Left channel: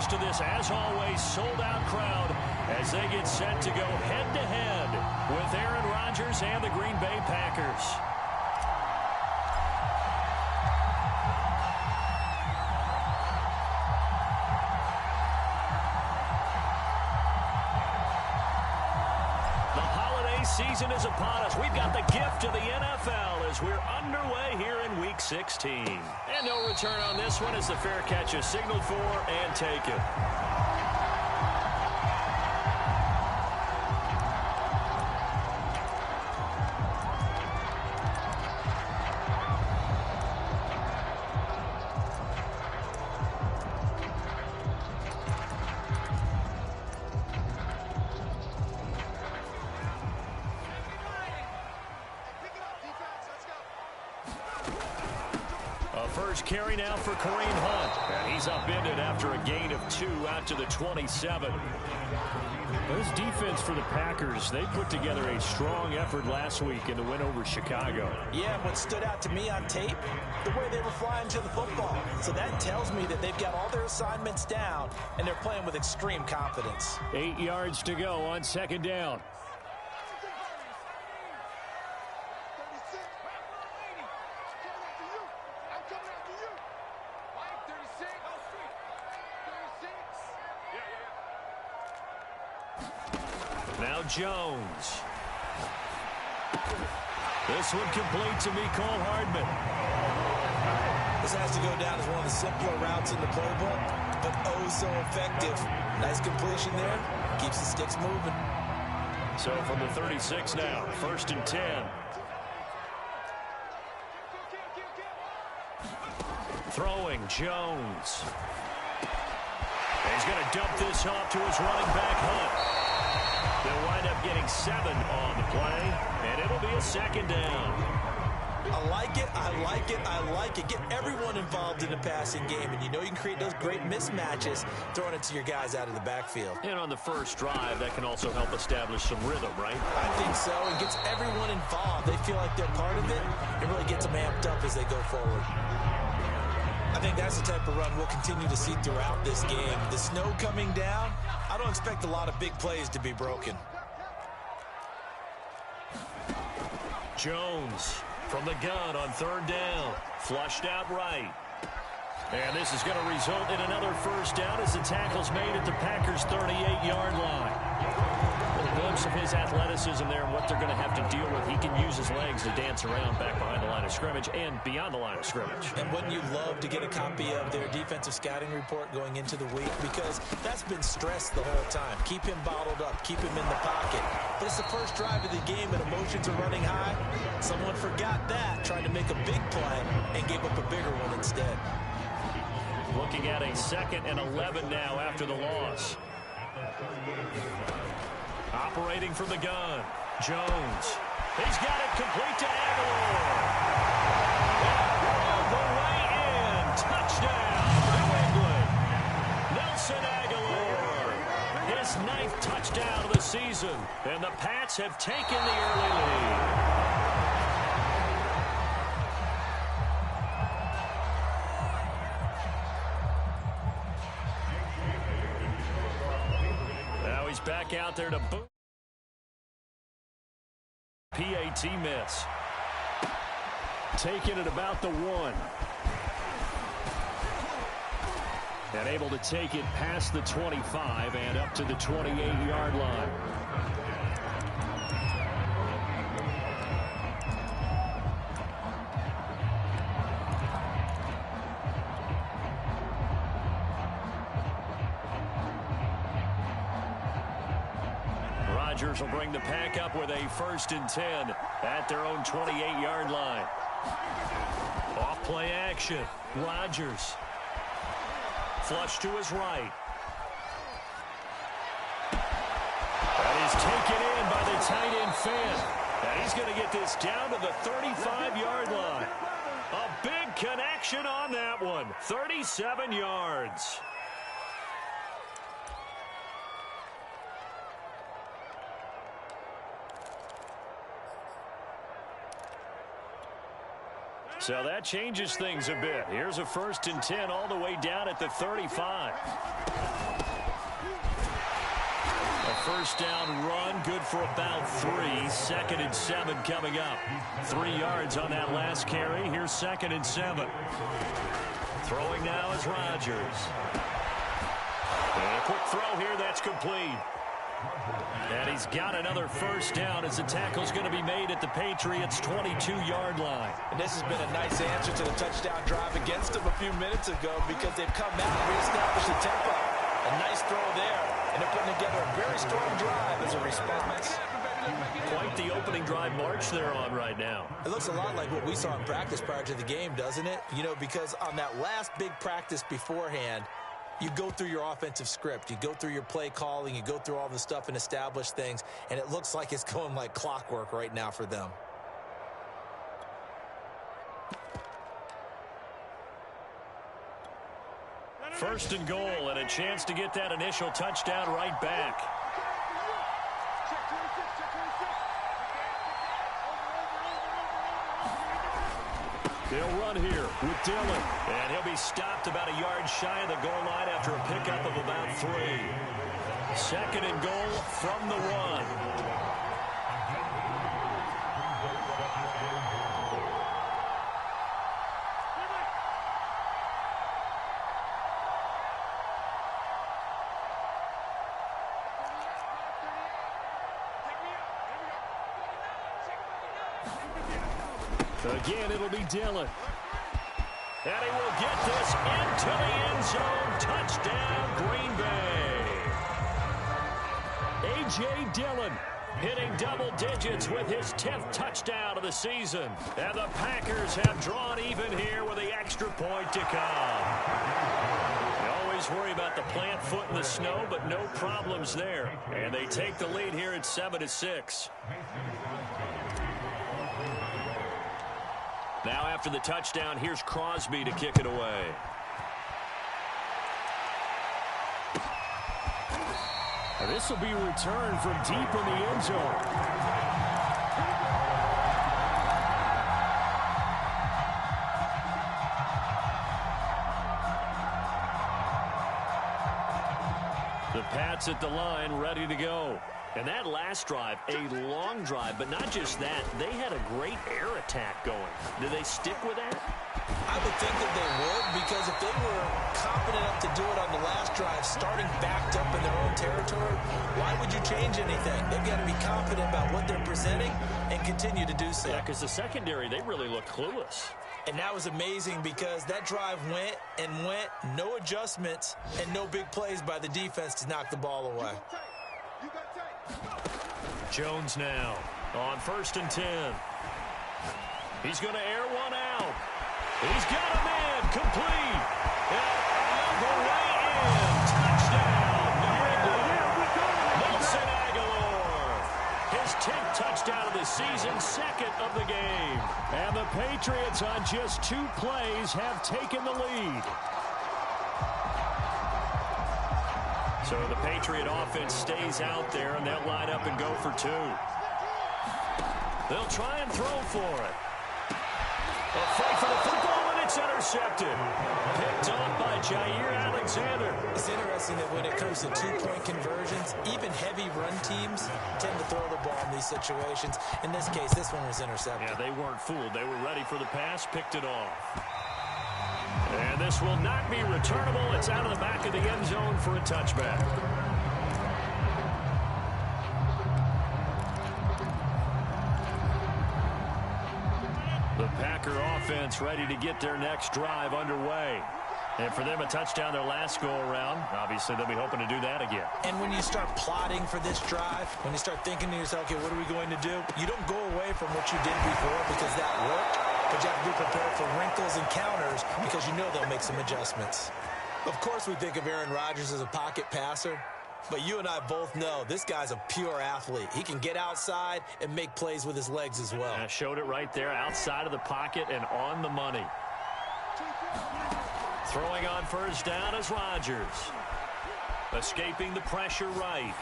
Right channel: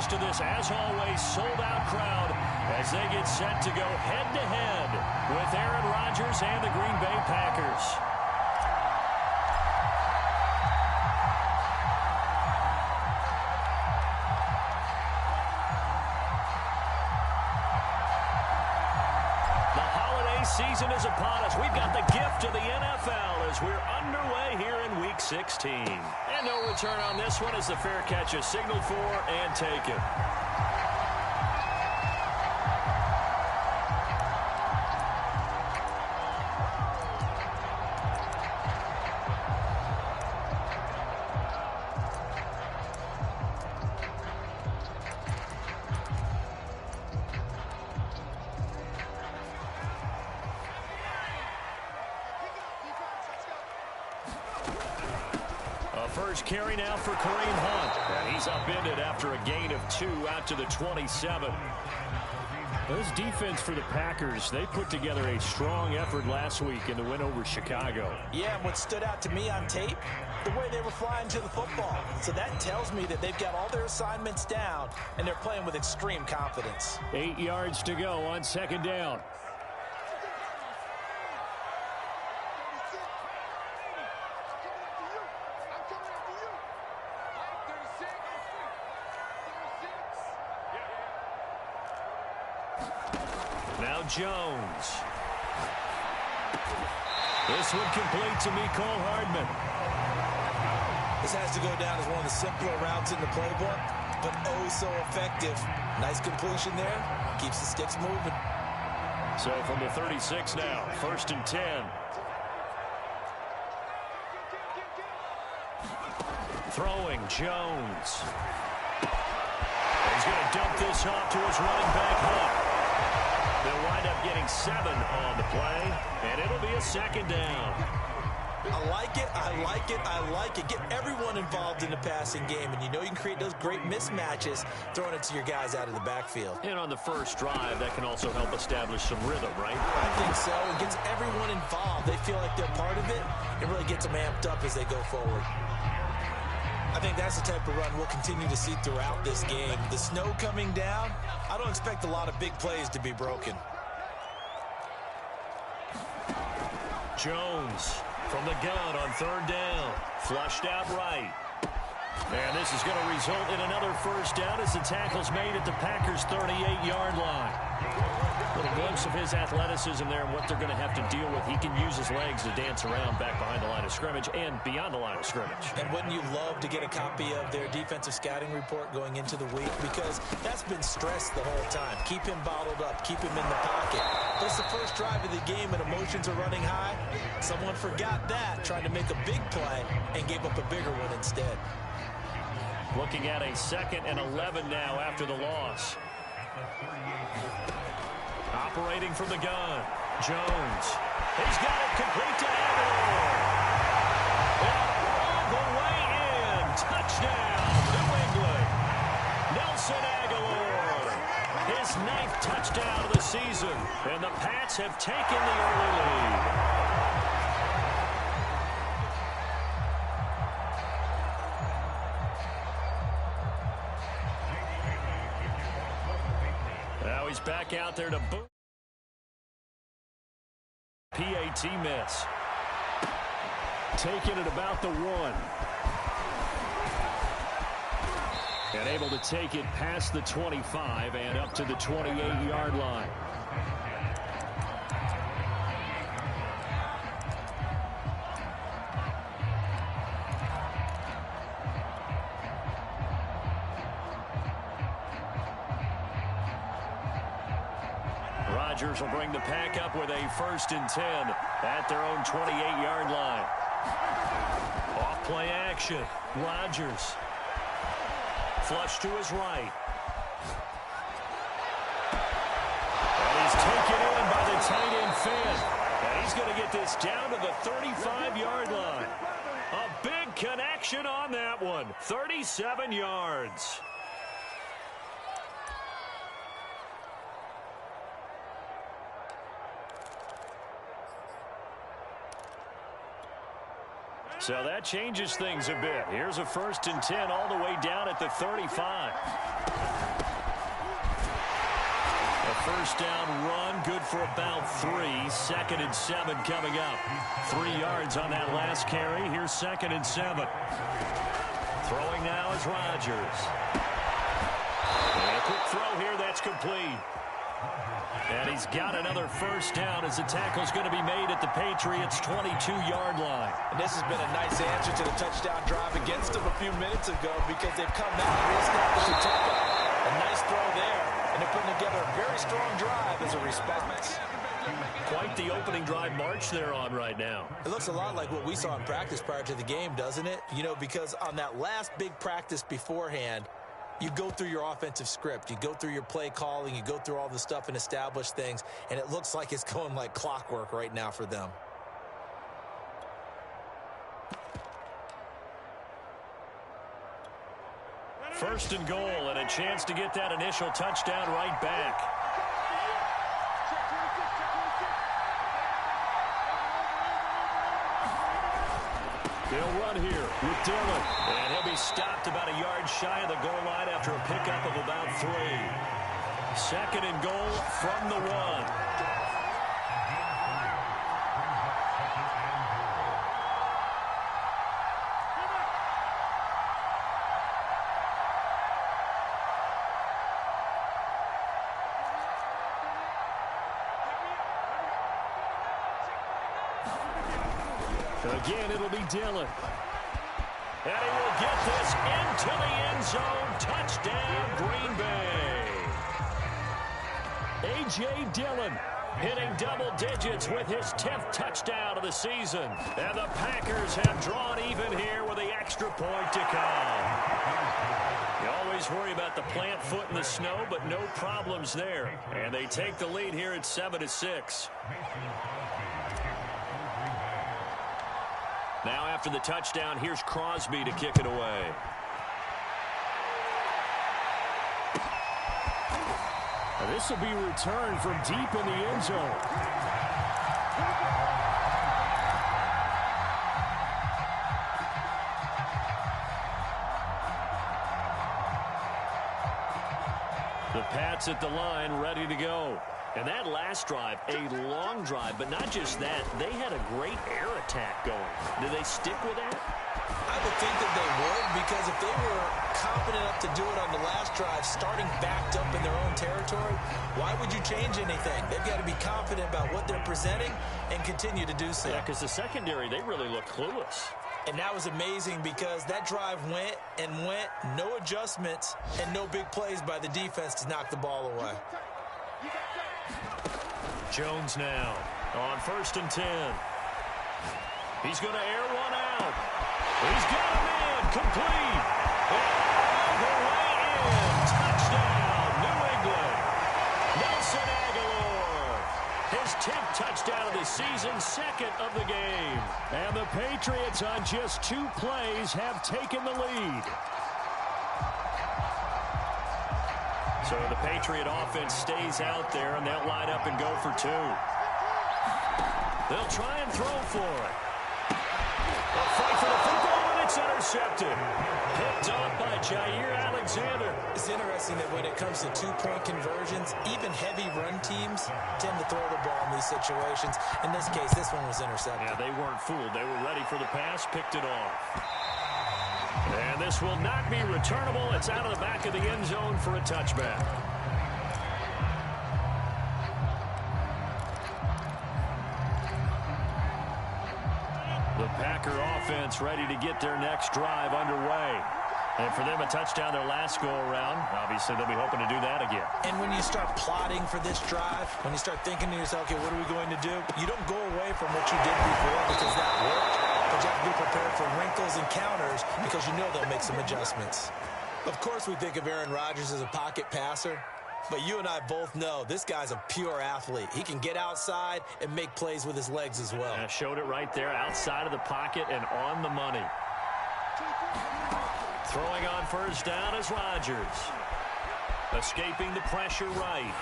used to this, as always, sold-out crowd as they get set to go head-to-head with Aaron Rodgers and the Green Bay Packers. Season is upon us. We've got the gift of the NFL as we're underway here in Week 16. And no return on this one as the fair catch is signaled for and taken. First carry now for Kareem Hunt. And he's upended after a gain of 2 out to the 27. This defense for the Packers, they put together a strong effort last week in the win over Chicago. Yeah, and what stood out to me on tape, the way they were flying to the football. So that tells me that they've got all their assignments down, and they're playing with extreme confidence. 8 yards to go on second down. Now Jones. This one complete to Mecole Hardman. This has to go down as one of the simpler routes in the playbook, but oh so effective. Nice completion there. Keeps the sticks moving. So from the 36 now, 1st and 10. Throwing Jones. He's going to dump this off to his running back Hunt. They'll wind up getting 7 on the play, and it'll be a second down. I like it, I like it, I like it. Get everyone involved in the passing game, and you know you can create those great mismatches throwing it to your guys out of the backfield. And on the first drive, that can also help establish some rhythm, right? I think so. It gets everyone involved. They feel like they're part of it. It really gets them amped up as they go forward. I think that's the type of run we'll continue to see throughout this game. The snow coming down, I don't expect a lot of big plays to be broken. Jones from the gun on 3rd down. Flushed out right. And this is going to result in another first down as the tackle's made at the Packers' 38-yard line. A little glimpse of his athleticism there and what they're going to have to deal with. He can use his legs to dance around back behind the line of scrimmage and beyond the line of scrimmage. And wouldn't you love to get a copy of their defensive scouting report going into the week? Because that's been stressed the whole time. Keep him bottled up. Keep him in the pocket. But it's the first drive of the game and emotions are running high. Someone forgot that, tried to make a big play, and gave up a bigger one instead. Looking at a 2nd and 11 now after the loss. Operating from the gun, Jones. He's got it complete to Aguilar. And all the way in. Touchdown, New England. Nelson Aguilar. His 9th touchdown of the season. And the Pats have taken the early lead. Now he's back out there to boot. PAT miss. Taking it about the 1. And able to take it past the 25 and up to the 28-yard line. Rodgers will bring the pack up with a 1st and 10 at their own 28-yard line. Off play action. Rodgers. Flush to his right. That is taken in by the tight end Finn. And he's going to get this down to the 35-yard line. A big connection on that one. 37 yards. So that changes things a bit. Here's a 1st and 10 all the way down at the 35. first down run, good for about 3. 2nd and 7 coming up. 3 yards on that last carry. Here's 2nd and 7. Throwing now is Rodgers. And a quick throw here, that's complete. And he's got another first down as the tackle's going to be made at the Patriots' 22-yard line. And this has been a nice answer to the touchdown drive against them a few minutes ago because they've come out and reestablished the tempo. A nice throw there, and they're putting together a very strong drive as a response. Quite the opening drive march they're on right now. It looks a lot like what we saw in practice prior to the game, doesn't it? You know, because on that last big practice beforehand, you go through your offensive script, you go through your play calling, you go through all the stuff and establish things, and it looks like it's going like clockwork right now for them. First and goal, and a chance to get that initial touchdown right back. They'll run here with Dillon. And he'll be stopped about a yard shy of the goal line after a pickup of about 3. 2nd and goal from the 1. Again, it'll be Dillon. And he will get this into the end zone. Touchdown, Green Bay. A.J. Dillon hitting double digits with his 10th touchdown of the season. And the Packers have drawn even here with the extra point to come. You always worry about the plant foot in the snow, but no problems there. And they take the lead here at 7-6. Now after the touchdown, here's Crosby to kick it away. This will be returned from deep in the end zone. The Pats at the line, ready to go. And that last drive, a long drive, but not just that, they had a great air attack going. Do they stick with that? I would think that they would, because if they were confident enough to do it on the last drive, starting backed up in their own territory, why would you change anything? They've got to be confident about what they're presenting and continue to do so. Yeah, because the secondary, they really look clueless. And that was amazing because that drive went and went, no adjustments, and no big plays by the defense to knock the ball away. Jones now on 1st and 10. He's going to air one out. He's got a man complete. And all the way in. Touchdown, New England. Nelson Aguilar. His 10th touchdown of the season, 2nd of the game. And the Patriots on just 2 plays have taken the lead. So the Patriot offense stays out there, and they'll line up and go for 2. They'll try and throw for it. A fight for the football, and it's intercepted. Picked off by Jair Alexander. It's interesting that when it comes to 2-point conversions, even heavy run teams tend to throw the ball in these situations. In this case, this one was intercepted. Yeah, they weren't fooled. They were ready for the pass, picked it off. And this will not be returnable. It's out of the back of the end zone for a touchback. The Packer offense ready to get their next drive underway. And for them, a touchdown their last go-around. Obviously, they'll be hoping to do that again. And when you start plotting for this drive, when you start thinking to yourself, okay, what are we going to do? You don't go away from what you did before because that worked. But you have to be prepared for wrinkles and counters because you know they'll make some adjustments. Of course, we think of Aaron Rodgers as a pocket passer, but you and I both know this guy's a pure athlete. He can get outside and make plays with his legs as well. Yeah, showed it right there, outside of the pocket and on the money. Throwing on 1st down is Rodgers. Escaping the pressure right.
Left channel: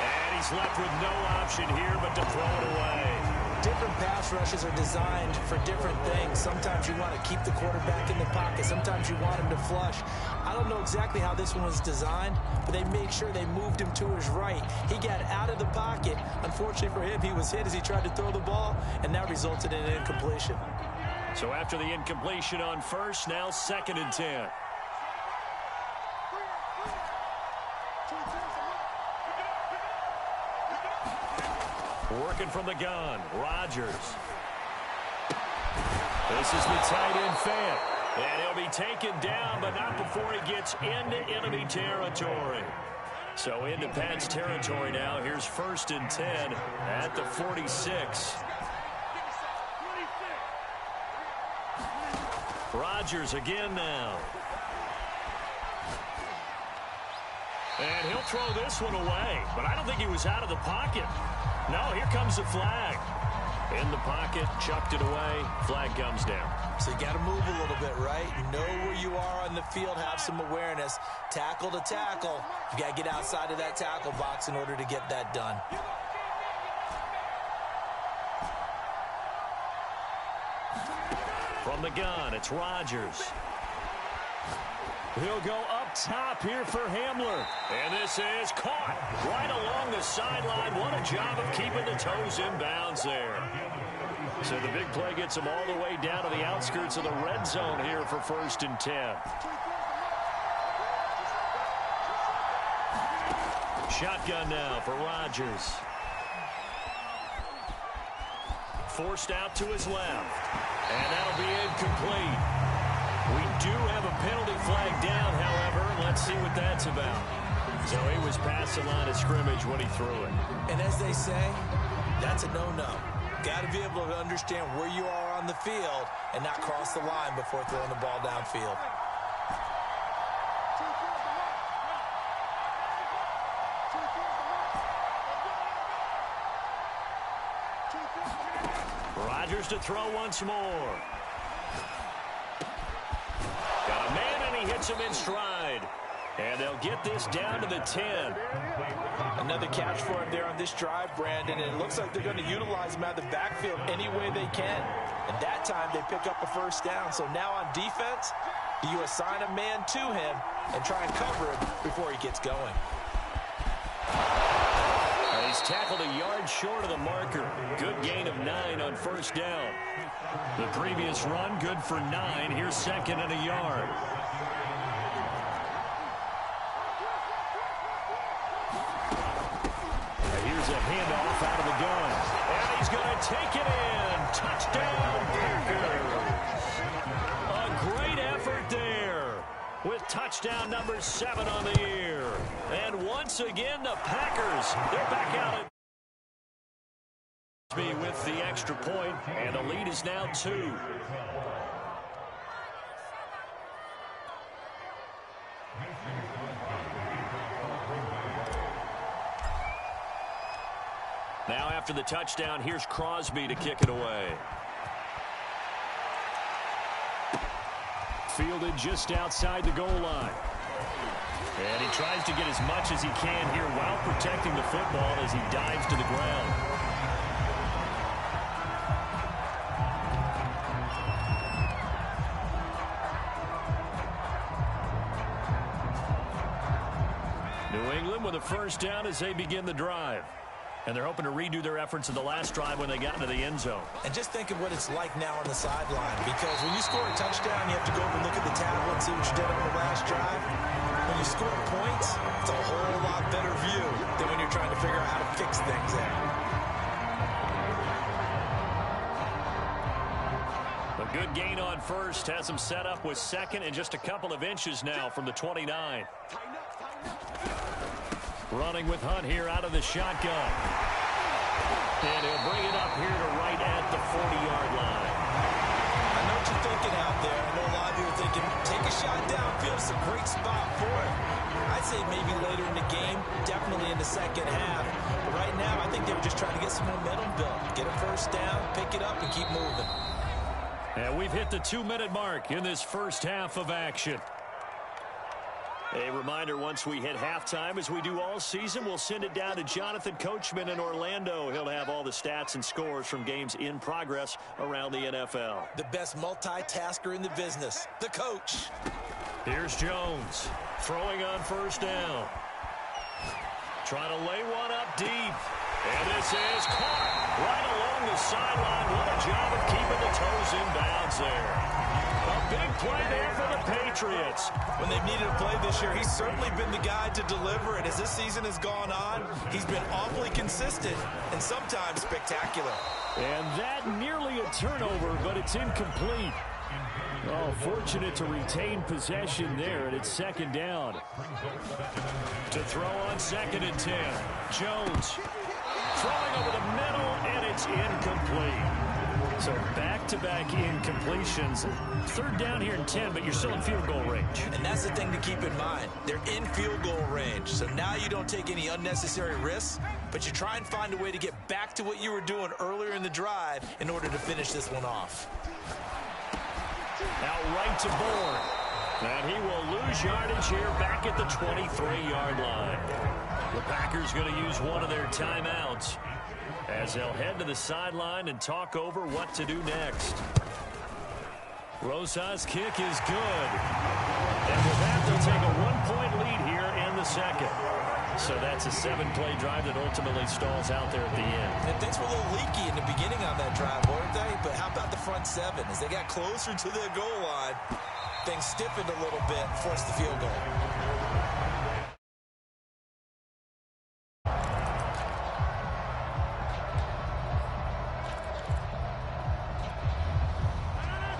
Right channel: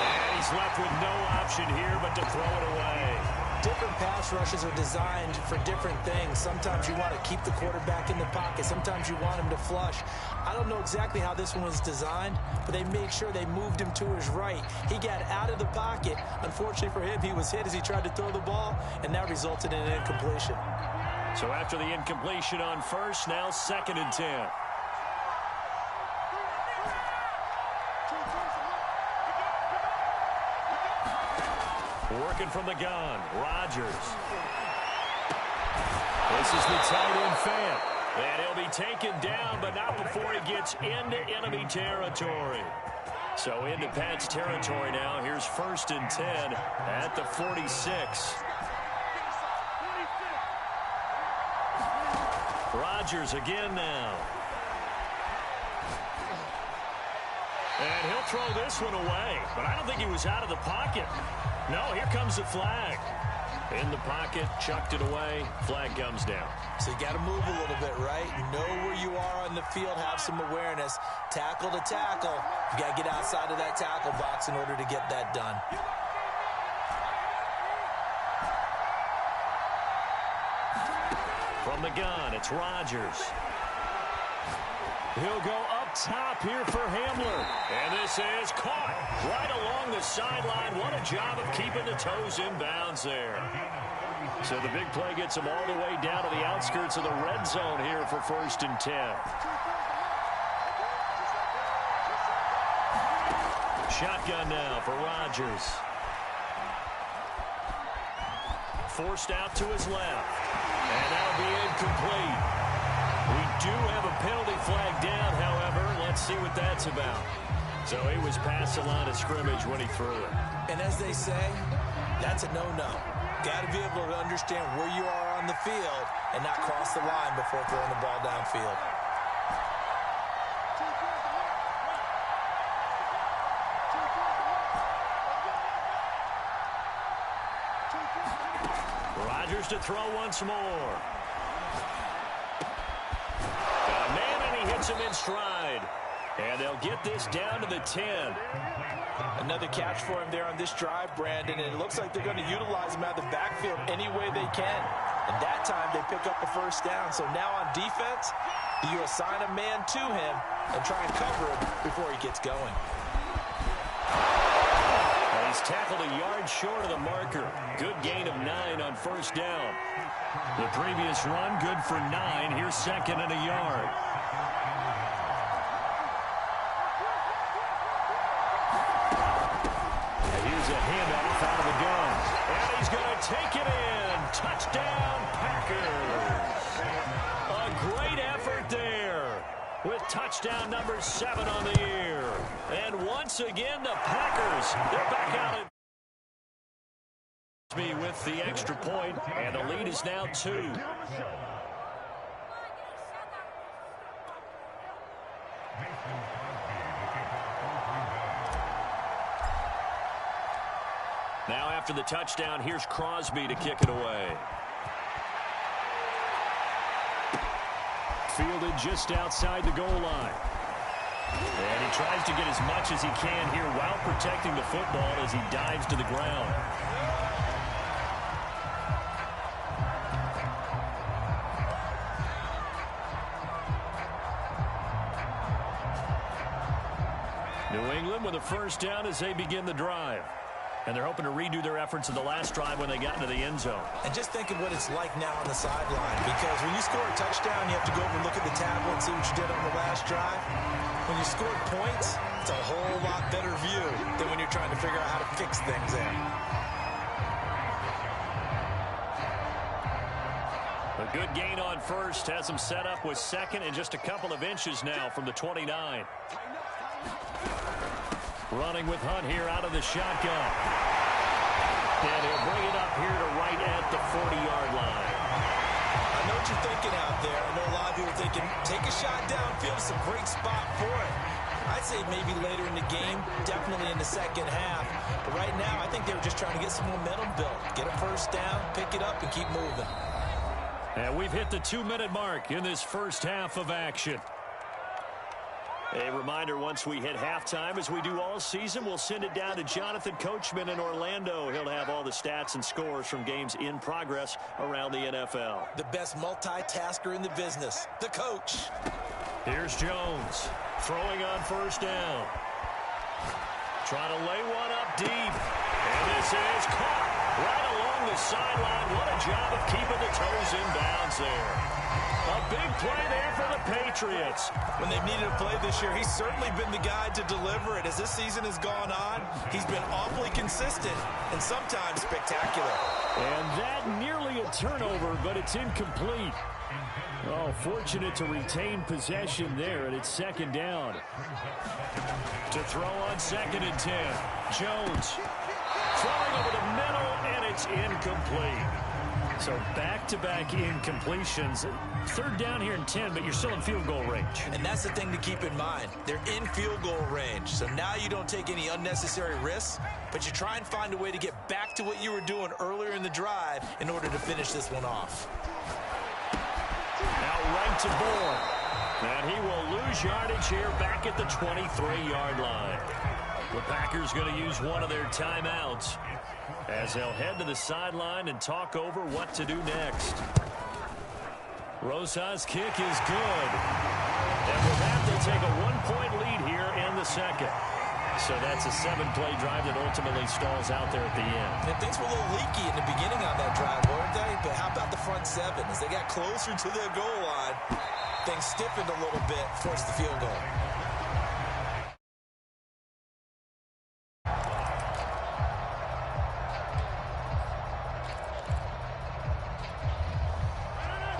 And he's left with no option here but to throw it away. different pass rushes are designed for different things. Sometimes you want to keep the quarterback in the pocket. Sometimes you want him to flush. I don't know exactly how this one was designed, but they made sure they moved him to his right. He got out of the pocket. Unfortunately for him, he was hit as he tried to throw the ball, and that resulted in an incompletion. So after the incompletion on first, now 2nd and 10. Working from the gun, Rodgers. This is the tight end Fant. And he'll be taken down, but not before he gets into enemy territory. So into Pat's territory now. Here's 1st and 10 at the 46. Rodgers again now. And he'll throw this one away, but I don't think he was out of the pocket. No, here comes the flag. In the pocket, chucked it away, flag comes down. So you got to move a little bit, right? Know where you are on the field, have some awareness. Tackle to tackle. You got to get outside of that tackle box in order to get that done. From the gun, it's Rodgers. He'll go up top here for Hamler. And this is caught right along the sideline. What a job of keeping the toes in bounds there. So the big play gets him all the way down to the outskirts of the red zone here for 1st and 10. Shotgun now for Rodgers. Forced out to his left. And that'll be incomplete. We do have a penalty flag down, however. Let's see what that's about. So he was past the line of scrimmage when he threw it. And as they say, that's a no-no. Got to be able to understand where you are on the field and not cross the line before throwing the ball downfield. Rodgers to throw once more. Got a man, and he hits him in stride. And they'll get this down to the 10. Another catch for him there on this drive, Brandon, and it looks like they're going to utilize him out of the backfield any way they can. And that time they pick up a 1st down. So now on defense, do you assign a man to him and try and cover him before he gets going? He's tackled a yard short of the marker. Good gain of 9 on 1st down. The previous run, good for 9. Here's 2nd and a yard. And here's a handoff out of the gun. And he's going to take it in. Touchdown, Packers. A great effort there, with touchdown number 7 on the year. And once again, the Packers, they're back out at me with the extra point, and the lead is now 2. Now after the touchdown, here's Crosby to kick it away. Fielded just outside the goal line. And he tries to get as much as he can here while protecting the football as he dives to the ground. New England with a 1st down as they begin the drive. And they're hoping to redo their efforts in the last drive when they got into the end zone. And just think of what it's like now on the sideline, because when you score a touchdown, you have to go over and look at the tablet and see what you did on the last drive. When you score points, it's a whole lot better view than when you're trying to figure out how to fix things there. A good gain on 1st has him set up with 2nd and just a couple of inches now from the 29. Running with Hunt here out of the shotgun. And he'll bring it up here to right at the 40-yard line. I know what you're thinking out there. I know a lot of you are thinking, take a shot downfield. It's a great spot for it. I'd say maybe later in the game, definitely in the second half. But right now, I think they were just trying to get some momentum built. Get a 1st down, pick it up, and keep moving. And we've hit the 2-minute mark in this first half of action. A reminder, once we hit halftime, as we do all season, we'll send it down to Jonathan Coachman in Orlando. He'll have all the stats and scores from games in progress around the NFL. The best multitasker in the business, the coach. Here's Jones, throwing on first down. Trying to lay one up deep. And this is caught right along the sideline. What a job of keeping the toes in bounds there. A big play there for the Patriots. When they've needed a play this year, he's certainly been the guy to deliver it. As this season has gone on, he's been awfully consistent and sometimes spectacular. And that nearly a turnover, but it's incomplete. Oh, fortunate to retain possession there, and it's second down. To throw on 2nd and 10. Jones throwing over the middle, and it's incomplete. So back-to-back incompletions. 3rd down here and 10, but you're still in field goal range. And that's the thing to keep in mind. They're in field goal range. So now you don't take any unnecessary risks, but you try and find a way to get back to what you were doing earlier in the drive in order to finish this one off. Out right to Bourne. And he will lose yardage here back at the 23-yard line. The Packers going to use one of their timeouts as they'll head to the sideline and talk over what to do next. Rosa's kick is good. And with that, they'll take a 1-point lead here in the second. So that's a 7-play drive that ultimately stalls out there at the end. And things were a little leaky in the beginning on that drive, weren't they? But how about the front 7? As they got closer to their goal line, things stiffened a little bit, forced the field goal.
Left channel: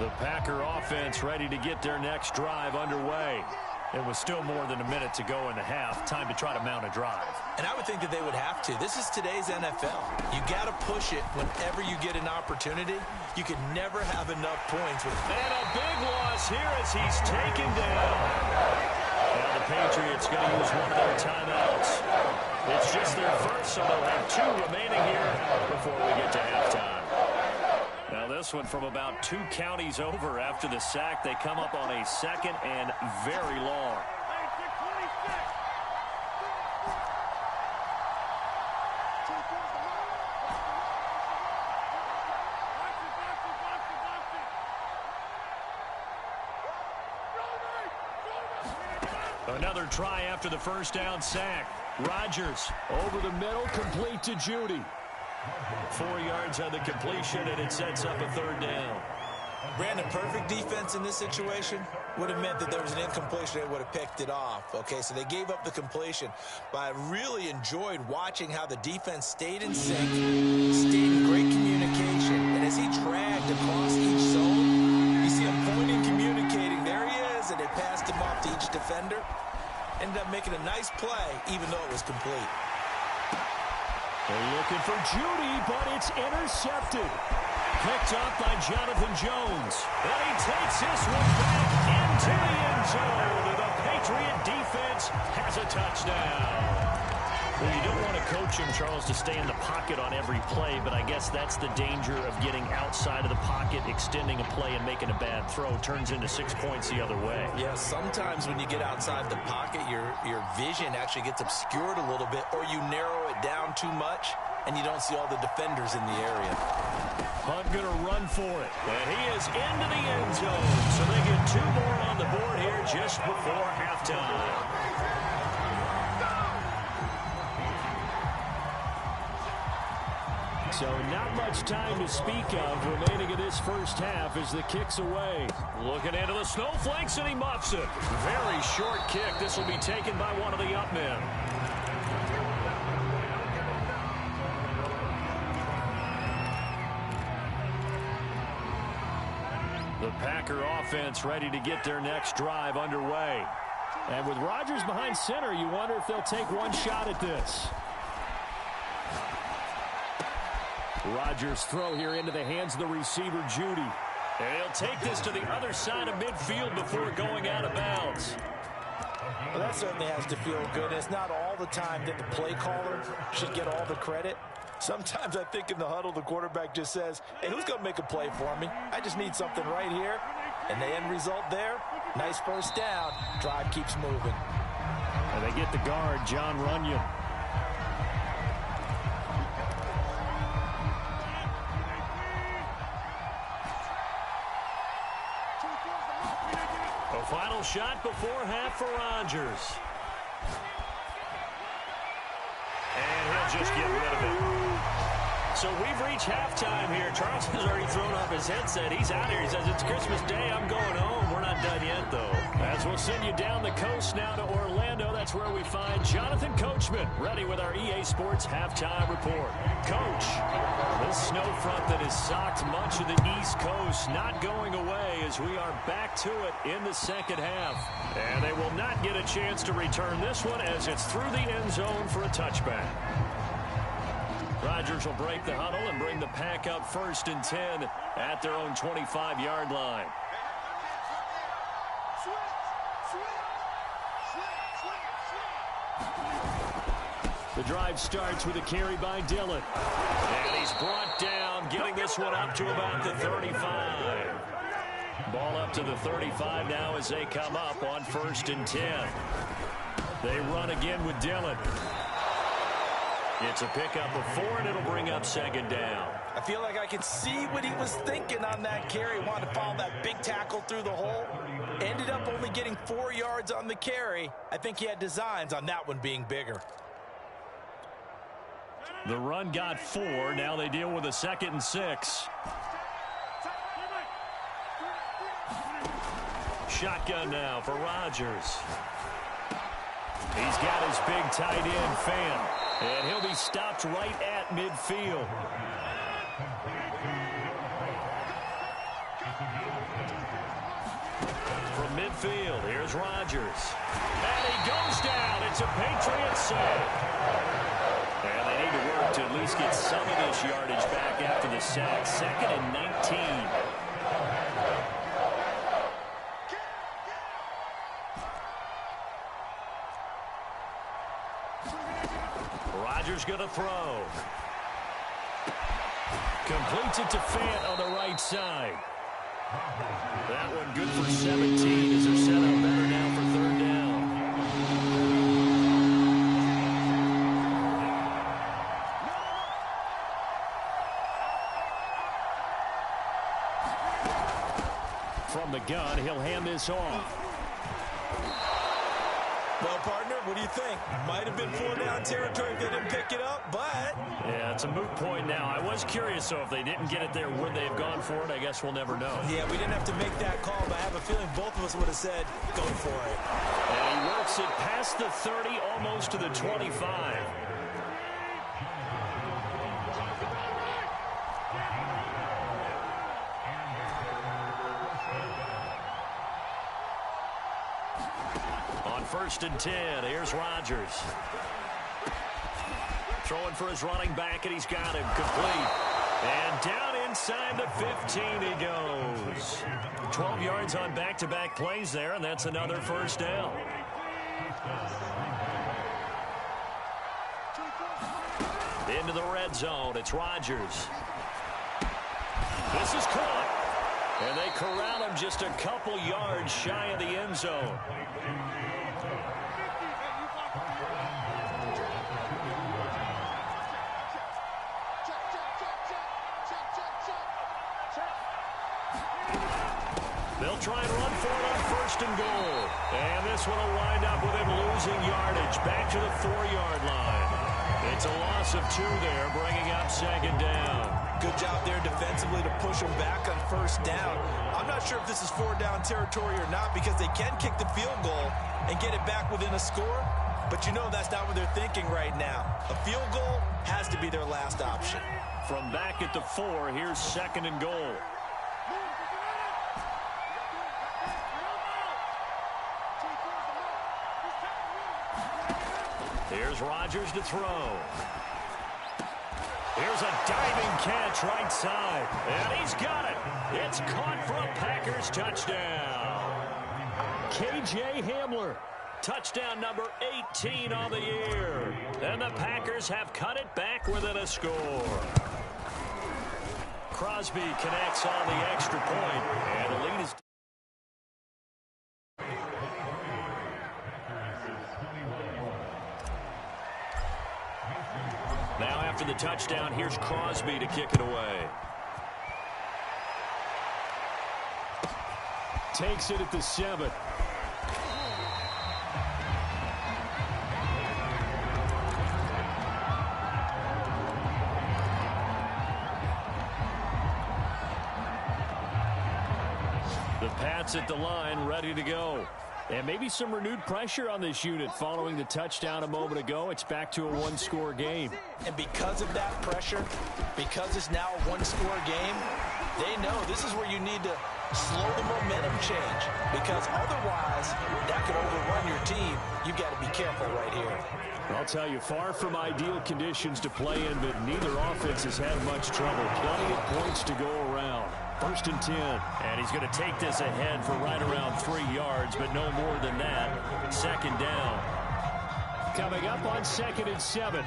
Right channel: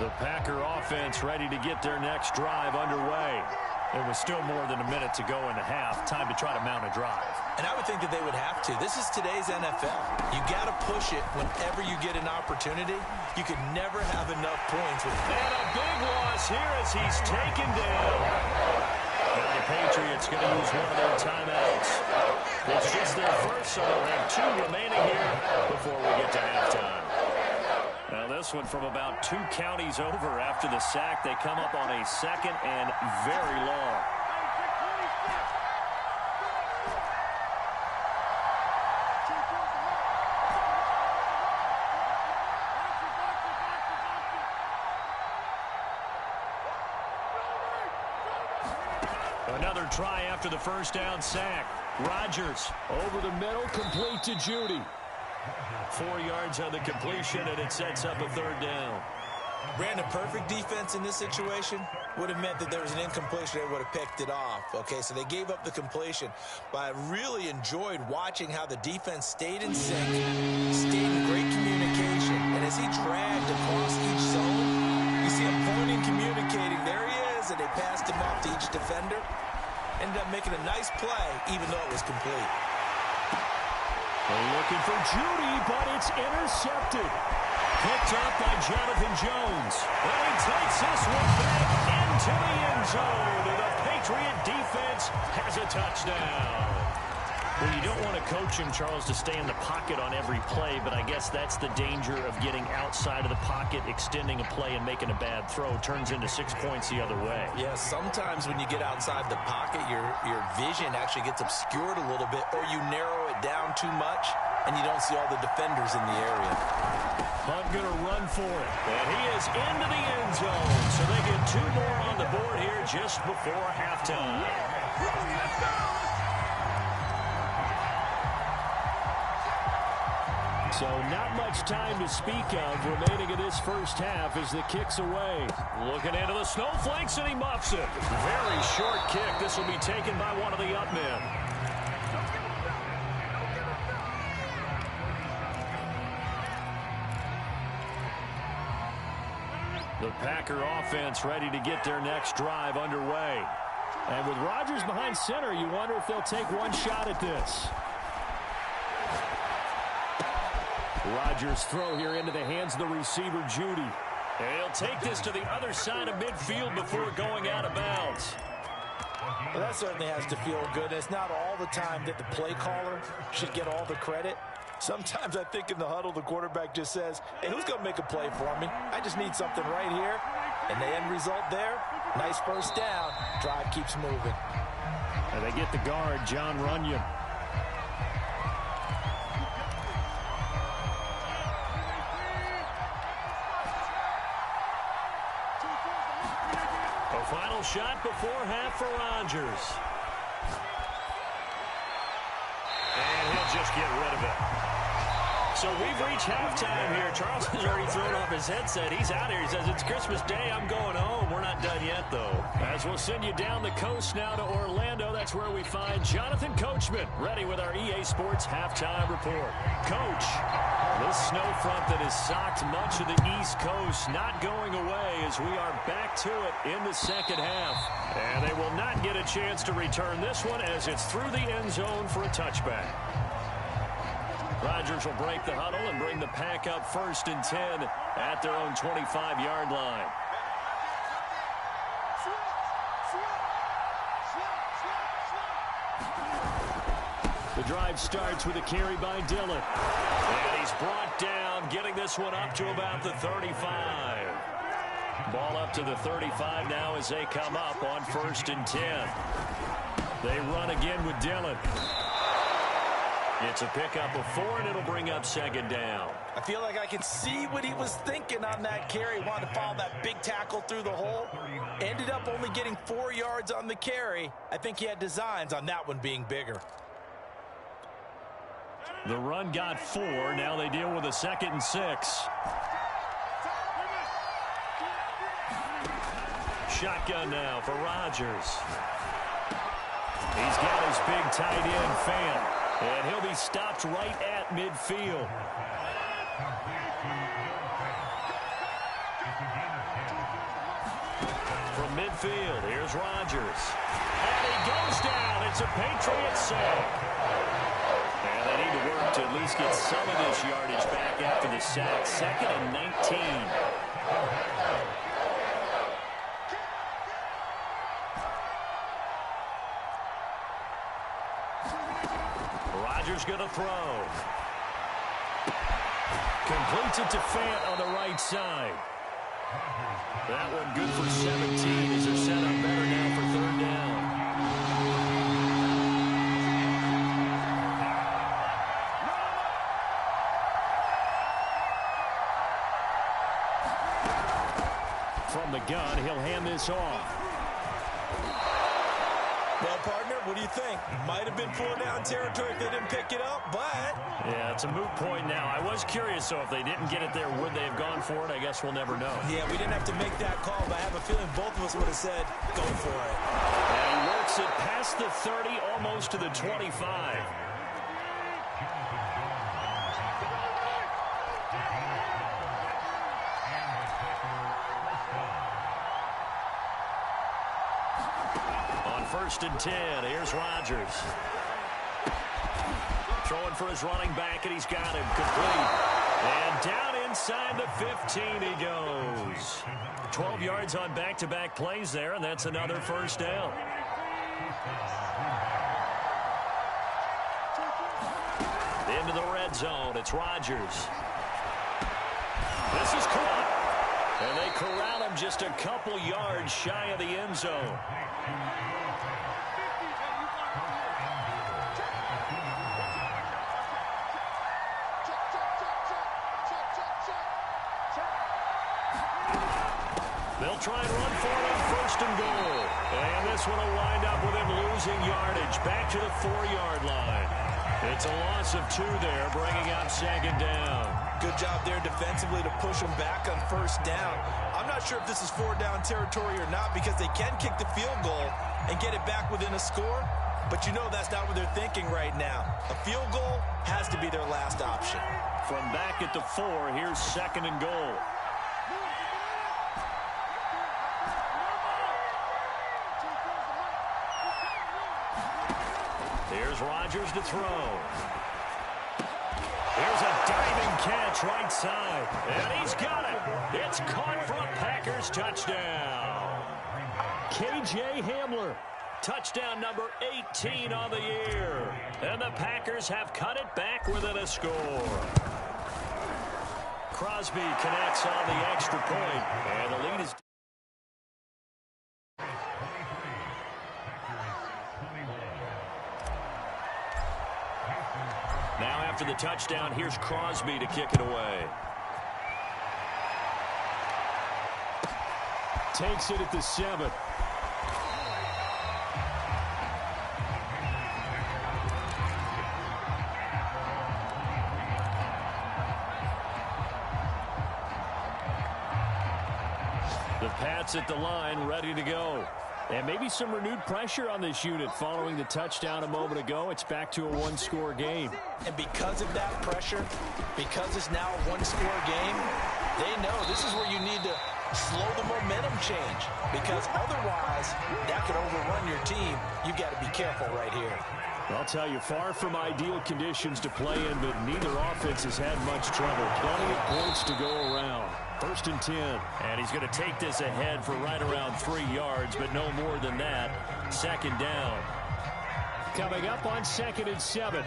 The Packer offense ready to get their next drive underway. It was still more than a minute to go in the half. Time to try to mount a drive. And I would think that they would have to. This is today's NFL. You got to push it whenever you get an opportunity. You can never have enough points. And a big loss here as he's taken down. Now the Patriots going to use one of their timeouts. It's just their first, so they'll have 2 remaining here before we get to halftime. Now this one from about 2 counties over after the sack. They come up on a 2nd and very long. Another try after the first down sack. Rodgers over the middle, complete to Judy. 4 yards on the completion, and it sets up a 3rd down. Brandon, perfect defense in this situation would have meant that there was an incompletion. They would have picked it off. Okay, so they gave up the completion. But I really enjoyed watching how the defense stayed in sync, stayed in great communication. And as he dragged across each zone, you see him pointing, communicating. There he is, and they passed him off to each defender. Ended up making a nice play, even though it was complete. They're looking for Judy, but it's intercepted. Picked up by Jonathan Jones. And he takes this one back into the end zone. And the Patriot defense has a touchdown. Well, you don't want to coach him, Charles, to stay in the pocket on every play, but I guess that's the danger of getting outside of the pocket, extending a play and making a bad throw. Turns into 6 points the other way. Yeah, sometimes when you get outside the pocket, your vision actually gets obscured a little bit, or you narrow it down too much, and you don't see all the defenders in the area. Hunt going to run for it, and he is into the end zone. So they get 2 more on the board here just before halftime. So not much time to speak of remaining in this first half as the kick's away. Looking into the snowflakes, and he muffs it. Very short kick. This will be taken by one of the up men. The Packer offense ready to get their next drive underway. And with Rodgers behind center, you wonder if they'll take one shot at this. Rodgers' throw here into the hands of the receiver, Judy. And he'll take this to the other side of midfield before going out of bounds. Well, that certainly has to feel good. It's not all the time that the play caller should get all the credit. Sometimes I think in the huddle, the quarterback just says, hey, who's going to make a play for me? I just need something right here. And the end result there, nice first down. Drive keeps moving. And they get the guard, John Runyon. A final shot before half for Rodgers. And he'll just get rid of it. So we've reached halftime here. Charles has already thrown off his headset. He's out here. He says, it's Christmas Day. I'm going home. We're not done yet, though. As we'll send you down the coast now to Orlando. That's where we find Jonathan Coachman, ready with our EA Sports halftime report. Coach, this snow front that has socked much of the East Coast not going away as we are back to it in the second half. And they will not get a chance to return this one as it's through the end zone for a touchback. Rodgers will break the huddle and bring the pack up 1st and 10 at their own 25-yard line. The drive starts with a carry by Dillon. And he's brought down, getting this one up to about the 35. Ball up to the 35 now as they come up on 1st and 10. They run again with Dillon. It's a pickup of 4, and it'll bring up 2nd down. I feel like I can see what he was thinking on that carry. Wanted to follow that big tackle through the hole. Ended up only getting 4 yards on the carry. I think he had designs on that one being bigger. The run got 4. Now they deal with a 2nd and 6. Shotgun now for Rodgers. He's got his big tight end, Fan. And he'll be stopped right at midfield. From midfield, here's Rodgers. And he goes down. It's a Patriots sack. And they need to work to at least get some of this yardage back after the sack. 2nd and 19. Rodgers going to throw. Completes it to Fant on the right side. That one good for 17 as they're set up better now for 3rd down. From the gun, he'll hand this off. Well, partner, what do you think? Might have been 4-down territory if they didn't pick it up, but... Yeah, it's a moot point now. I was curious, so if they didn't get it there, would they have gone for it? I guess we'll never know. Yeah, we didn't have to make that call, but I have a feeling both of us would have said, go for it. And he works it past the 30, almost to the 25. On 1st and 10, here's Rodgers. Throwing for his running back, and he's got him complete. And down inside the 15 he goes. 12 yards on back-to-back plays there, and that's another 1st down. Into the red zone, it's Rodgers. This is caught. And they corral him just a couple yards shy of the end zone. They'll try and run for it on 1st and goal. And this one will wind up with him losing yardage back to the 4-yard line. It's a loss of 2 there, bringing up 2nd down. Good job there defensively to push them back on 1st down. I'm not sure if this is 4-down territory or not because they can kick the field goal and get it back within a score. But you know that's not what they're thinking right now. A field goal has to be their last option. From back at the 4, here's 2nd and goal. Here's Rodgers to throw. Here's a diving catch right side. And he's got it. It's caught for a Packers touchdown. K.J. Hamler. Touchdown number 18 on the year. And the Packers have cut it back within a score. Crosby connects on the extra point, and the lead is... Now after the touchdown, here's Crosby to kick it away. Takes it at the 7. The Pats at the line, ready to go. And maybe some renewed pressure on this unit following the touchdown a moment ago. It's back to a one-score game. And because of that pressure, because it's now a one-score game, they know this is where you need to slow the momentum change, because otherwise that could overrun your team. You've got to be careful right here. I'll tell you, far from ideal conditions to play in, but neither offense has had much trouble. Plenty of points to go around. 1st and 10. And he's going to take this ahead for right around 3 yards, but no more than that. 2nd down. Coming up on 2nd and 7.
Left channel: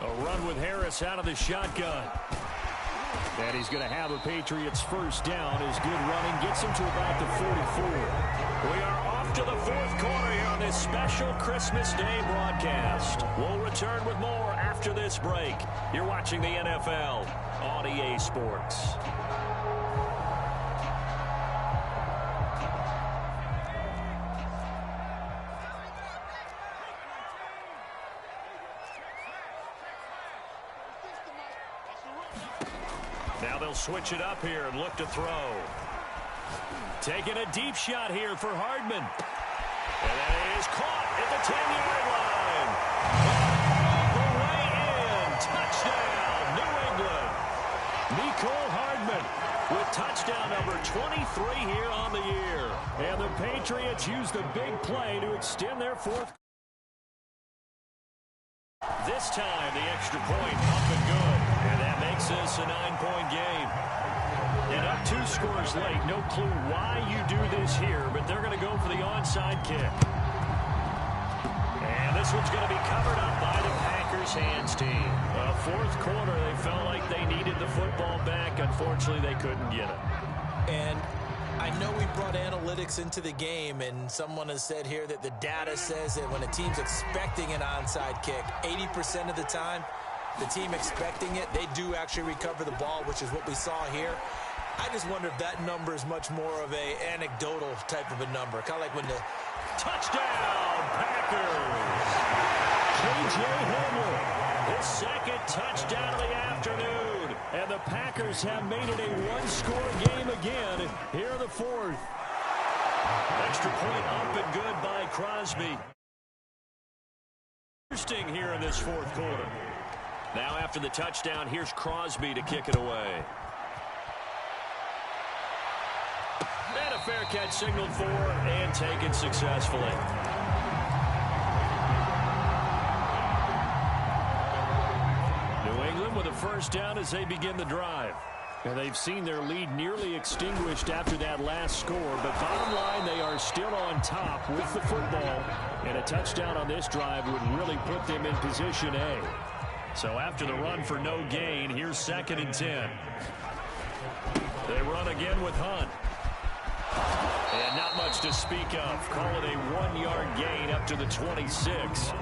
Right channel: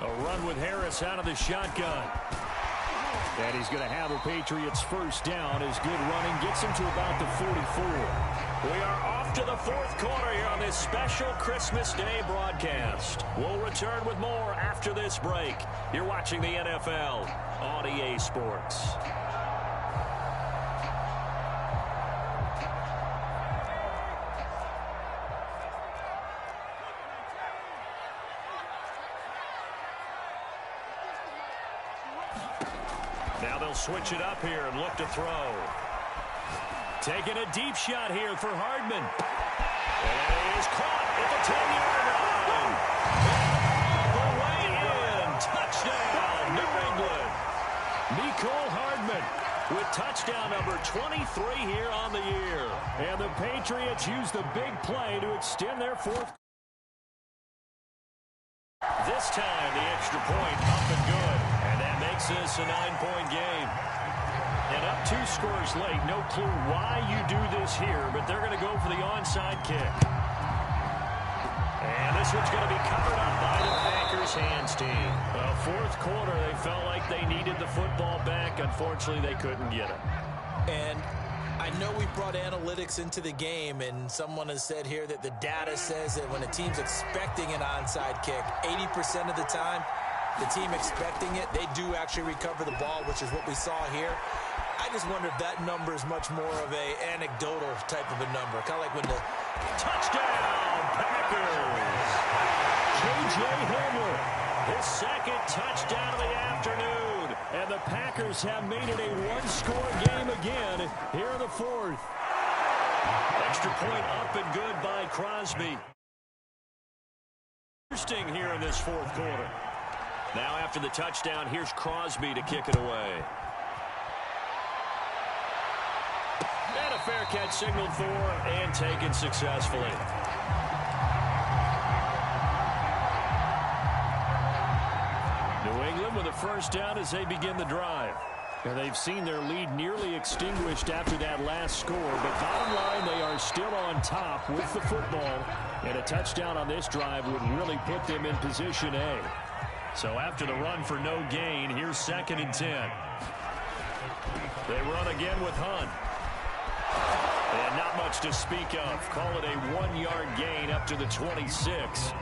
A run with Harris out of the shotgun. And he's going to have a Patriots 1st down. His good running gets him to about the 44. We are off to the 4th quarter here on this special Christmas Day broadcast. We'll return with more after this break. You're watching the NFL on EA Sports. Now they'll switch it up here and look to throw. Taking a deep shot here for Hardman. And that is caught at the 10-yard line. And all the way in. Touchdown, New England. Mecole Hardman with touchdown number 23 here on the year. And the Patriots use the big play to extend their 4th. This time, the extra point up and good. And that makes this a 9-point game. And up 2 scores late. No clue why you do this here, but they're going to go for the onside kick. And this one's going to be covered up by the Packers hands team. 4th quarter, they felt like they needed the football back. Unfortunately, they couldn't get it. And I know we brought analytics into the game, and someone has said here that the data says that when a team's expecting an onside kick, 80% of the time, the team expecting it, they do actually recover the ball, which is what we saw here. I just wonder if that number is much more of a anecdotal type of a number. Kind of like when the touchdown Packers. K.J. Hamler, his 2nd touchdown of the afternoon. And the Packers have made it a one-score game again here in the 4th. Extra point up and good by Crosby. Interesting here in this 4th quarter. Now after the touchdown, here's Crosby to kick it away. And a fair catch signaled for and taken successfully. New England with a 1st down as they begin the drive. And they've seen their lead nearly extinguished after that last score, but bottom line, they are still on top with the football, and a touchdown on this drive would really put them in position A. So after the run for no gain, here's 2nd and 10. They run again with Hunt. And not much to speak of. Call it a 1-yard gain up to the 26.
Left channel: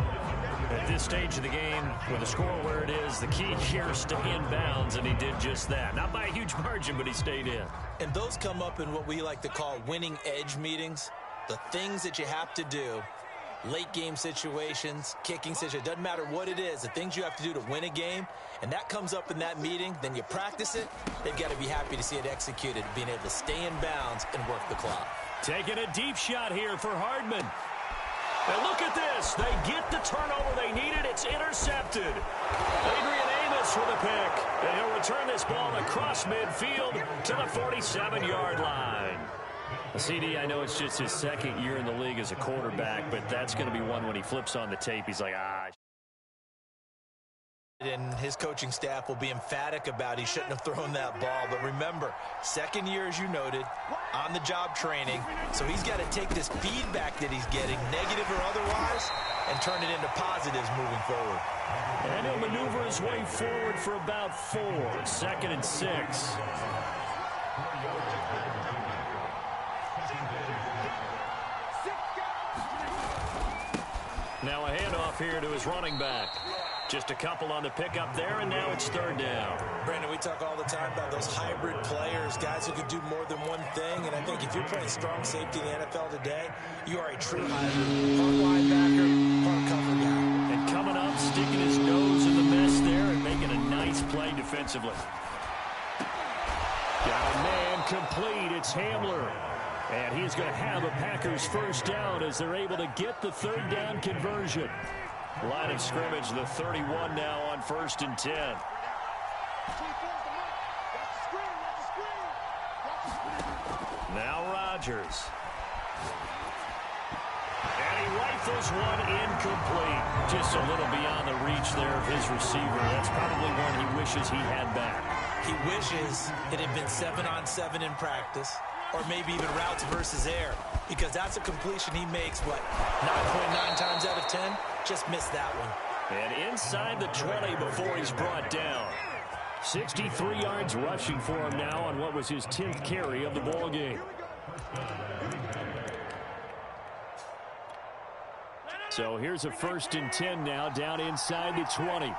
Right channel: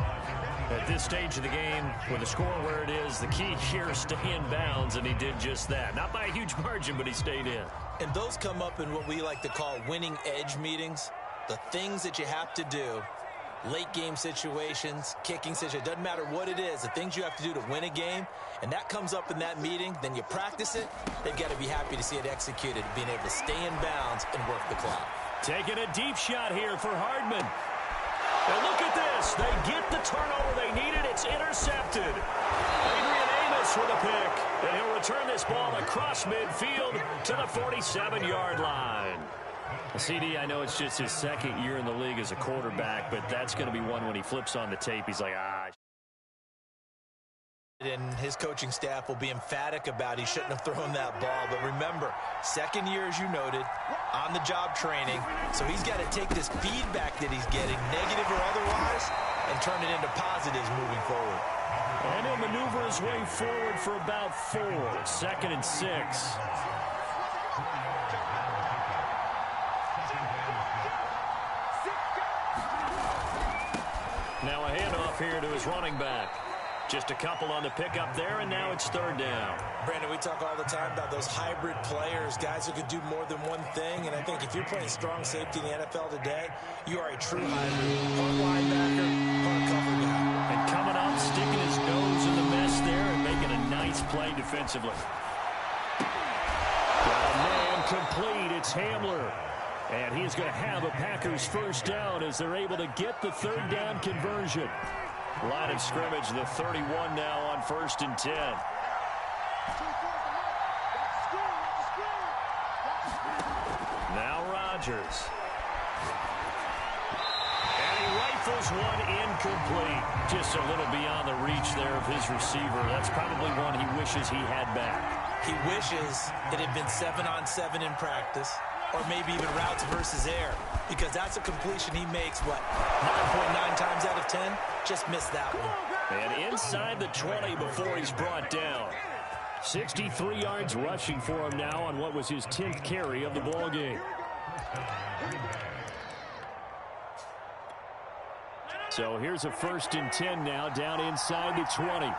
At this stage of the game, with the score where it is, the key here is stay in bounds, and he did just that. Not by a huge margin, but he stayed in. And those come up in what we like to call winning edge meetings. The things that you have to do, late game situations, kicking situations, doesn't matter what it is, the things you have to do to win a game, and that comes up in that meeting, then you practice it, they've got to be happy to see it executed, being able to stay in bounds and work the clock. Taking a deep shot here for Hardman. And look at this. They get the turnover they needed. It's intercepted. Adrian Amos with a pick. And he'll return this ball across midfield to the 47-yard line. CD, I know it's just his 2nd year in the league as a quarterback, but that's going to be one when he flips on the tape. He's like, And his coaching staff will be emphatic about he shouldn't have thrown that ball. But remember, 2nd year, as you noted, on-the-job training. So he's got to take this feedback that he's getting, negative or otherwise, and turn it into positives moving forward. And he'll maneuver his way forward for about 4. 2nd and 6. Now a handoff here to his running back. Just a couple on the pickup there, and now it's third down. Brandon, we talk all the time about those hybrid players, guys who could do more than one thing, and I think if you're playing strong safety in the NFL today, you are a true hybrid. Part linebacker, part cover guy. And coming up, sticking his nose in the mess there and making a nice play defensively. Got a man complete. It's Hamler. And he's going to have a Packers first down as they're able to get the third down conversion. Line of scrimmage, the 31 now on 1st and 10. Now Rodgers. And he rifles one incomplete. Just a little beyond the reach there of his receiver. That's probably one he wishes he had back. He wishes it had been 7-on-7 in practice, or maybe even routes versus air, because that's a completion he makes, what, 9.9 times out of 10? Just missed that one. And inside the 20 before he's brought down. 63 yards rushing for him now on what was his 10th carry of the ball game. So here's a 1st and 10 now down inside the 20.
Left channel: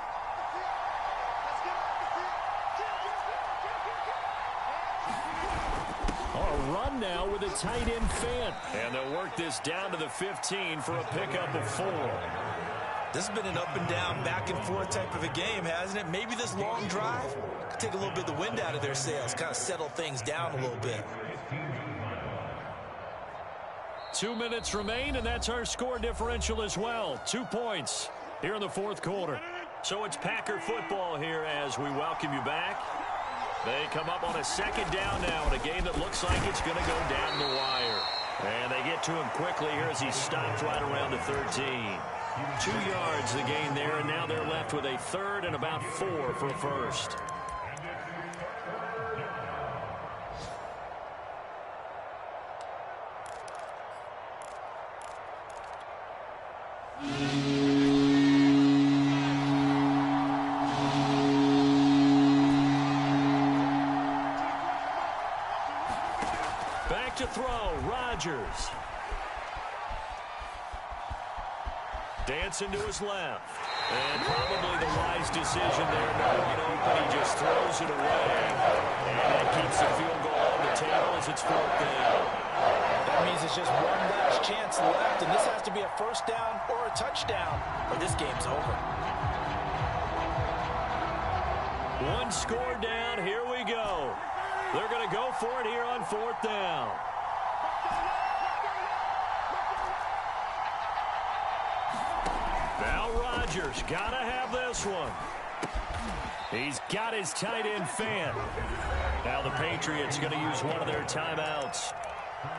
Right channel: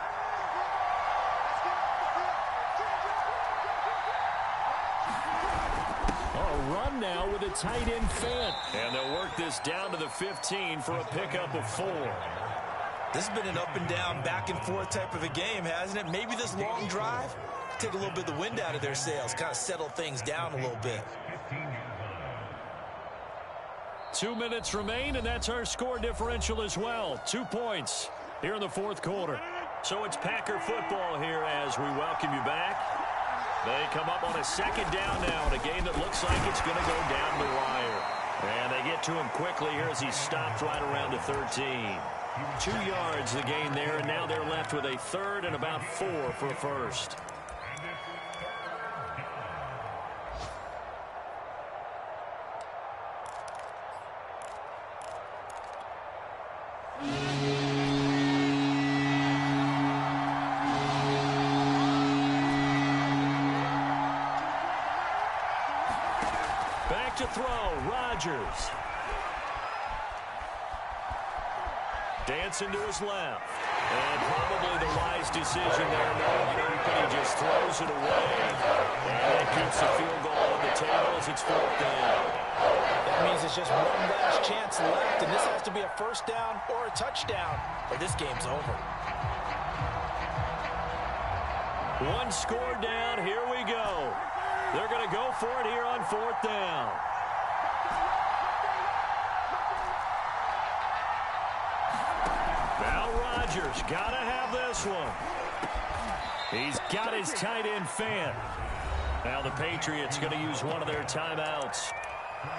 Run now with a tight end Fant. And they'll work this down to the 15 for a pickup of 4. This has been an up and down, back and forth type of a game, hasn't it? Maybe this long drive could take a little bit of the wind out of their sails, kind of settle things down a little bit. 2 minutes remain, and that's our score differential as well. 2 points here in the 4th quarter. So it's Packer football here as we welcome you back. They come up on a 2nd down now in a game that looks like it's going to go down the wire. And they get to him quickly here as he stopped right around the 13. 2 yards the gain there, and now they're left with a 3rd and about 4 for a first. Back to throw, Rodgers. Dancing to his left. And probably the wise decision there. No one open. He just throws it away. And that keeps the field goal on the table as it's 4th down. That means it's just one last chance left, and this has to be a first down or a touchdown, or this game's over. One score down. Here we go. They're going to go for it here on 4th down. Now Rodgers got to have this one. He's got his tight end Fant. Now the Patriots going to use one of their timeouts.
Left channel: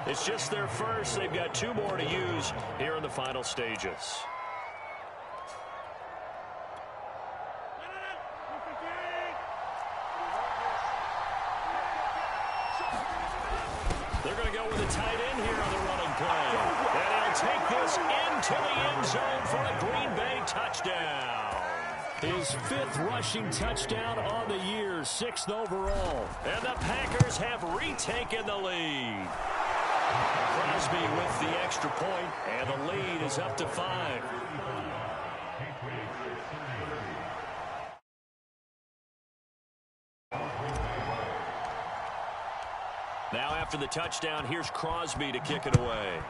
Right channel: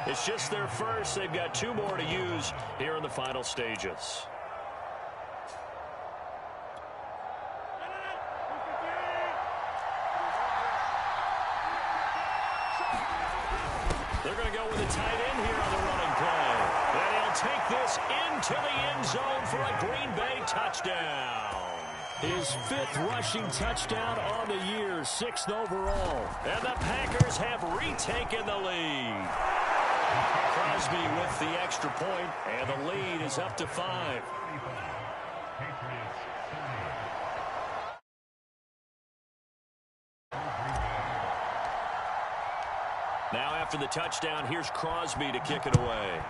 It's just their first. They've got 2 more to use here in the final stages. They're going to go with a tight end here on the running play. And he'll take this into the end zone for a Green Bay touchdown. His 5th rushing touchdown on the year, 6th overall. And the Packers have retaken the lead. Crosby with the extra point, and the lead is up to 5. Now after the touchdown, here's Crosby to kick it away.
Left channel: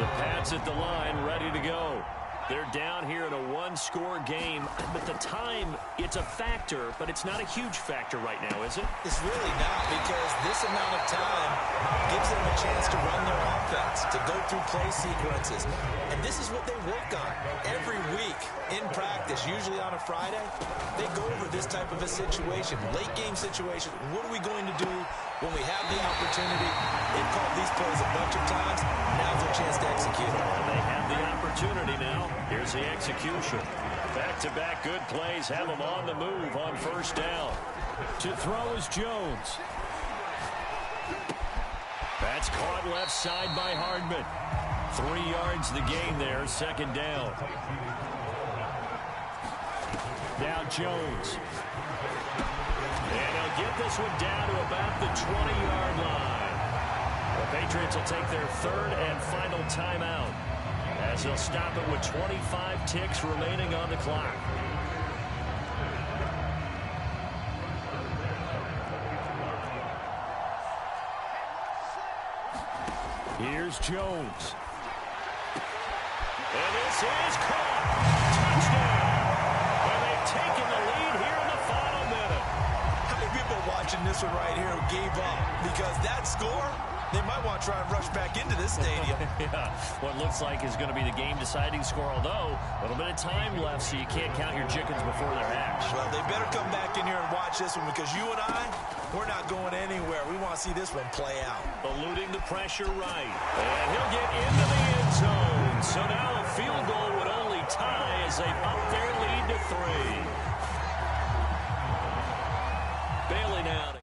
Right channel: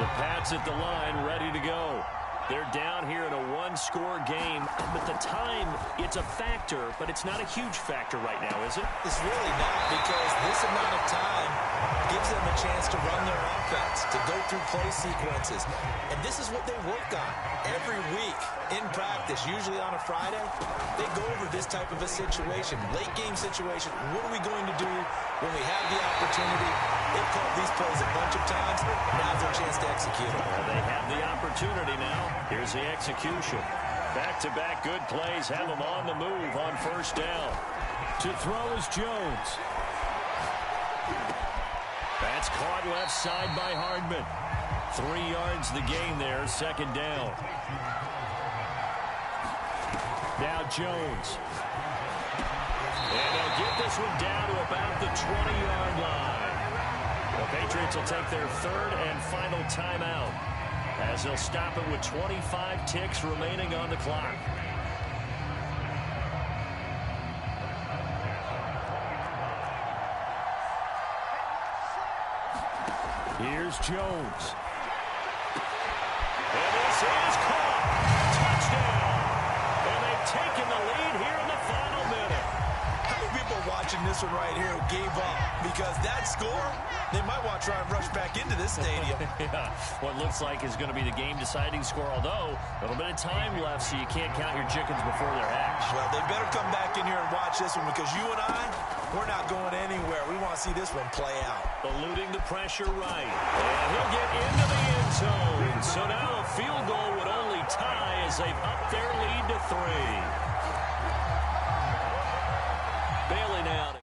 The Pats at the line, ready to go. They're down here in a 1-score game, but the time, it's a factor, but it's not a huge factor right now, is it? It's really not, because this amount of time gives them a chance to run their offense, to go through play sequences. And this is what they work on every week in practice, usually on a Friday. They go over this type of a situation, late game situation. What are we going to do when we have the opportunity? They've called these plays a bunch of times. Now's their chance to execute them. They have the opportunity now. Here's the execution. Back-to-back good plays have them on the move on 1st down. To throw is Jones. That's caught left side by Hardman. 3 yards the gain there, second down. Now Jones. And they'll get this one down to about the 20-yard line. The Patriots will take their third and final timeout as they'll stop it with 25 ticks remaining on the clock. Here's Jones. And this is caught. Touchdown. And they've taken the lead here in the final minute. How many people watching this one right here gave up? Because that score, they might want to try and rush back into this stadium. Yeah, what looks like is going to be the game-deciding score, although a little bit of time left, so you can't count your chickens before they're hatched. Well, they better come back in here and watch this one because you and I, we're not going anywhere. We want to see this one play out. Eluding the pressure right. And he'll get into the end zone. So now a field goal would only tie as they've upped their lead to 3. Bailing out.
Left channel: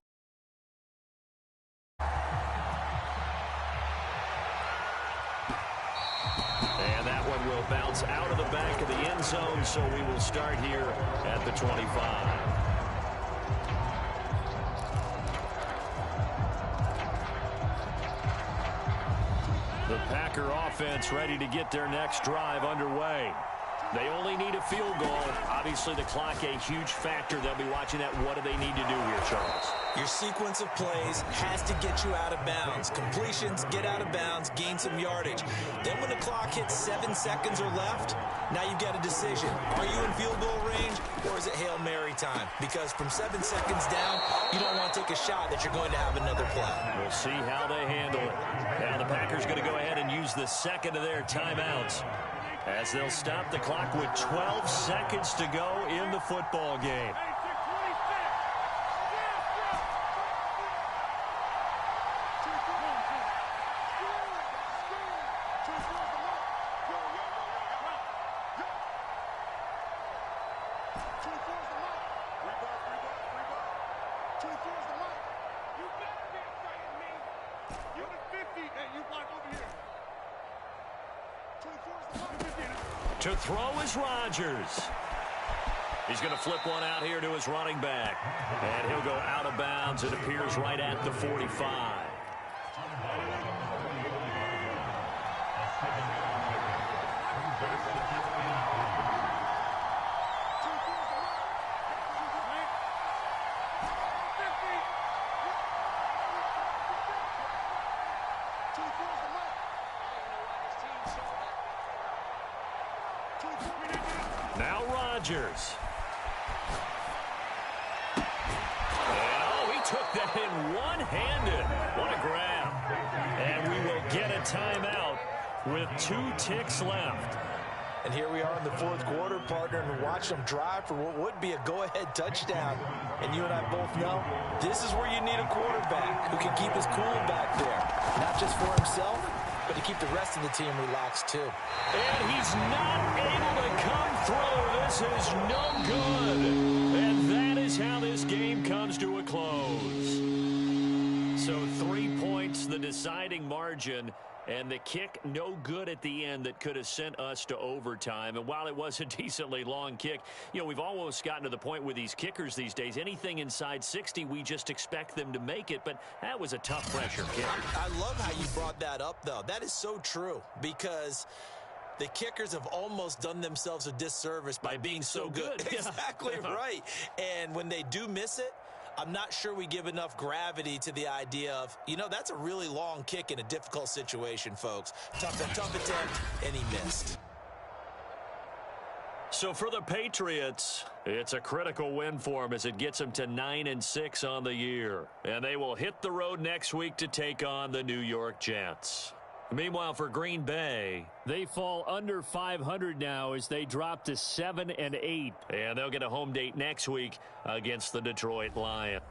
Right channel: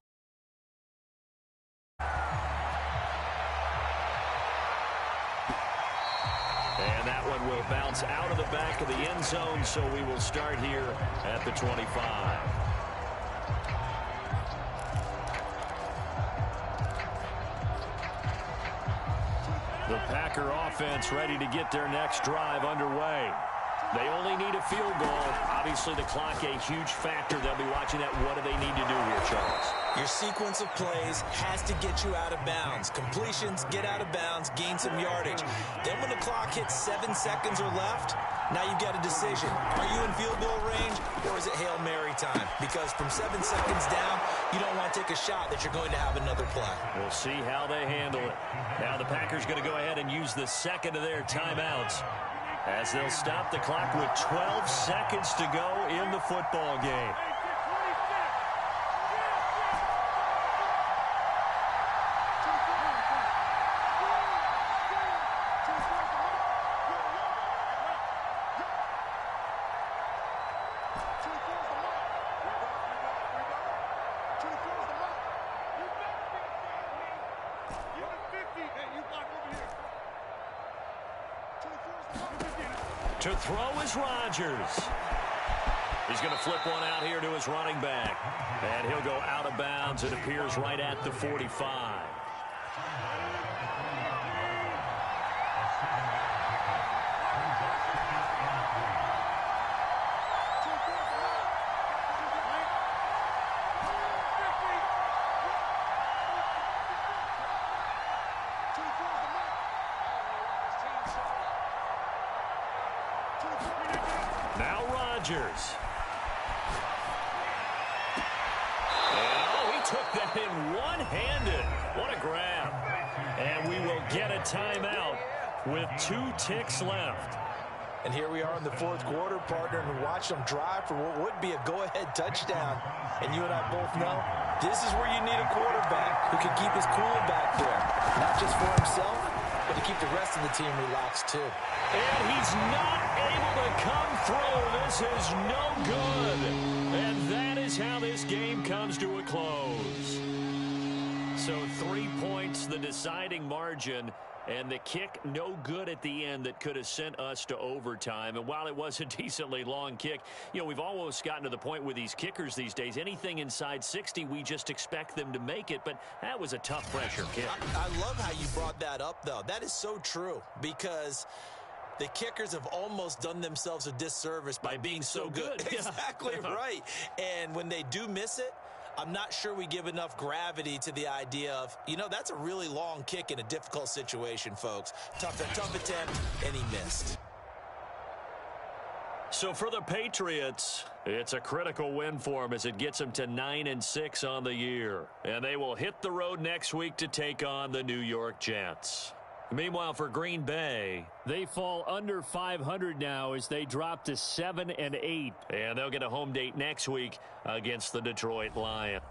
And that one will bounce out of the back of the end zone, so we will start here at the 25. The Packer offense ready to get their next drive underway. They only need a field goal. Obviously, the clock a huge factor. They'll be watching that. What do they need to do here, Charles? Your sequence of plays has to get you out of bounds. Completions, get out of bounds, gain some yardage. Then when the clock hits 7 seconds or left, now you've got a decision. Are you in field goal range, or is it Hail Mary time? Because from 7 seconds down, you don't want to take a shot that you're going to have another play. We'll see how they handle it. Now the Packers going to go ahead and use the second of their timeouts, as they'll stop the clock with 12 seconds to go in the football game. To throw is Rodgers. He's going to flip one out here to his running back. And he'll go out of bounds. It appears right at the 45. Now Rodgers. And he took that in one-handed. What a grab. And we will get a timeout with 2 ticks left. And here we are in the fourth quarter, partner, and watch them drive for what would be a go-ahead touchdown. And you and I both know this is where you need a quarterback who can keep his cool back there. Not just for himself, but to keep the rest of the team relaxed, too. And he's not able to come through. This is no good. And that is how this game comes to a close. So 3 points, the deciding margin. And the kick, no good at the end, that could have sent us to overtime. And while it was a decently long kick, we've almost gotten to the point with these kickers these days. Anything inside 60, we just expect them to make it. But that was a tough pressure kick. I love how you brought that up, though. That is so true, because the kickers have almost done themselves a disservice by being so good. Exactly right. And when they do miss it, I'm not sure we give enough gravity to the idea of, that's a really long kick in a difficult situation, folks. Tough attempt, and he missed. So for the Patriots, it's a critical win for them as it gets them to 9-6 on the year. And they will hit the road next week to take on the New York Jets. Meanwhile, for Green Bay, they fall under 500 now as they drop to 7-8. And they'll get a home date next week against the Detroit Lions.